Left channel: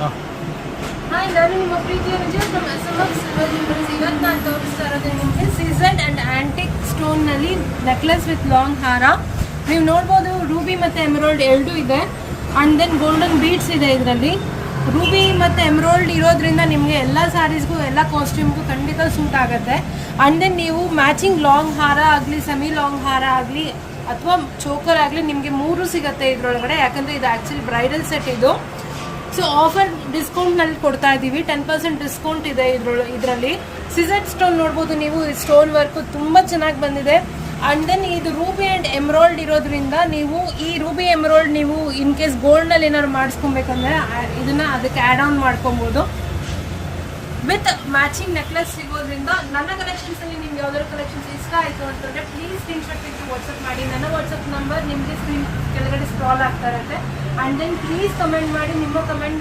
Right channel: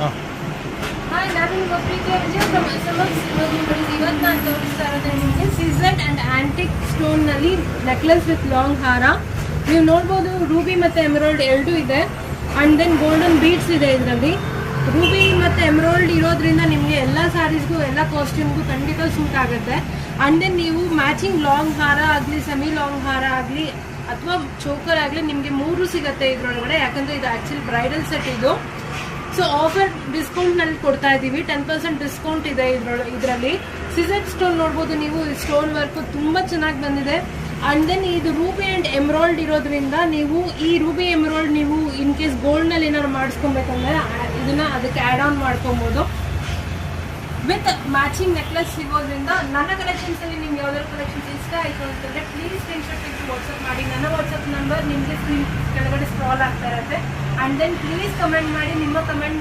Hi, ನಾನು ನಿಮ್ಮ ಇವತ್ತು ನಾನು ತೋರಿಸ್ತಾ ಇರೋದೇ ನಿಮಗೆ ಸೀಸನ್ ಅಂಡ್ ಆಂಟಿಕ್ ಸ್ಟೋನ್ ನಲ್ಲಿ ನೆಕ್ಲೆಸ್ ವಿತ್ ಲಾಂಗ್ ಹಾರ. ನೀವು ನೋಡ್ಬೋದು ರೂಬಿ ಮತ್ತೆ ಎಮರಾಲ್ಡ್ ಎರಡೂ ಇದೆ. ಅಂಡ್ ದೆನ್ ಗೋಲ್ಡನ್ ಬೀಡ್ಸ್ ಇದೆ. ಇದರಲ್ಲಿ ರೂಬಿ ಮತ್ತೆ ಎಮರಾಲ್ಡ್ ಇರೋದ್ರಿಂದ ನಿಮಗೆ ಎಲ್ಲ ಸ್ಯಾರೀಸ್ಗೂ ಎಲ್ಲ ಕಾಸ್ಟ್ಯೂಮ್ಗೂ ಖಂಡಿತ ಸೂಟ್ ಆಗುತ್ತೆ. ಅಂಡ್ ದೆನ್ ನೀವು ಮ್ಯಾಚಿಂಗ್ ಲಾಂಗ್ ಹಾರ ಆಗಲಿ, ಸೆಮಿ ಲಾಂಗ್ ಹಾರ ಆಗಲಿ ಅಥವಾ ಚೋಕರ್ ಆಗಲಿ ನಿಮಗೆ 3 ಸಿಗುತ್ತೆ ಇದರೊಳಗಡೆ. ಯಾಕಂದರೆ ಇದು ಆ್ಯಕ್ಚುಲಿ ಬ್ರೈಡಲ್ ಸೆಟ್ ಇದು. ಸೊ ಆಫರ್ ಡಿಸ್ಕೌಂಟ್ನಲ್ಲಿ ಕೊಡ್ತಾ ಇದ್ದೀವಿ. 10% ಡಿಸ್ಕೌಂಟ್ ಇದೆ ಇದರಲ್ಲಿ. ಸೀಸನ್ ಸ್ಟೋನ್ ನೋಡ್ಬೋದು ನೀವು. ಸ್ಟೋನ್ ವರ್ಕ್ ತುಂಬ ಚೆನ್ನಾಗಿ ಬಂದಿದೆ. ಅಂಡ್ ದೆನ್ ಇದು ರೂಬಿ ಆ್ಯಂಡ್ ಎಮರಾಲ್ಡ್ ಇರೋದ್ರಿಂದ ನೀವು ಈ ರೂಬಿ ಎಮರಾಲ್ಡ್ ನೀವು ಇನ್ ಕೇಸ್ ಗೋಲ್ಡ್ನಲ್ಲಿ ಏನಾದ್ರು ಮಾಡಿಸ್ಕೊಬೇಕಂದ್ರೆ ಇದನ್ನ ಅದಕ್ಕೆ ಆ್ಯಡ್ ಆನ್ ಮಾಡ್ಕೊಬೋದು. ವಿತ್ ಮ್ಯಾಚಿಂಗ್ ನೆಕ್ಲೆಸ್ ಸಿಗೋದ್ರಿಂದ ನನ್ನ ಕಲೆಕ್ಷನ್ಸಲ್ಲಿ ನಿಮ್ಗೆ ಯಾವ್ದಾದ್ರು ಕಲೆಕ್ಷನ್ಸ್ ಇಷ್ಟ ಆಯಿತು ಅಂತಂದರೆ ಪ್ಲೀಸ್ ಸ್ಕ್ರೀನ್ಶಾಟ್ ತೆಗೆದು ವಾಟ್ಸಪ್ ಮಾಡಿ. ನನ್ನ ವಾಟ್ಸಪ್ ನಂಬರ್ ನಿಮಗೆ ಸ್ಕ್ರೀನ್ ಕೆಳಗಡೆ ಸ್ಕ್ರಾಲ್ ಆಗ್ತಾ ಇರುತ್ತೆ. ಆ್ಯಂಡ್ ದೆನ್ ಪ್ಲೀಸ್ ಕಮೆಂಟ್ ಮಾಡಿ. ನಿಮ್ಮ ಕಮೆಂಟ್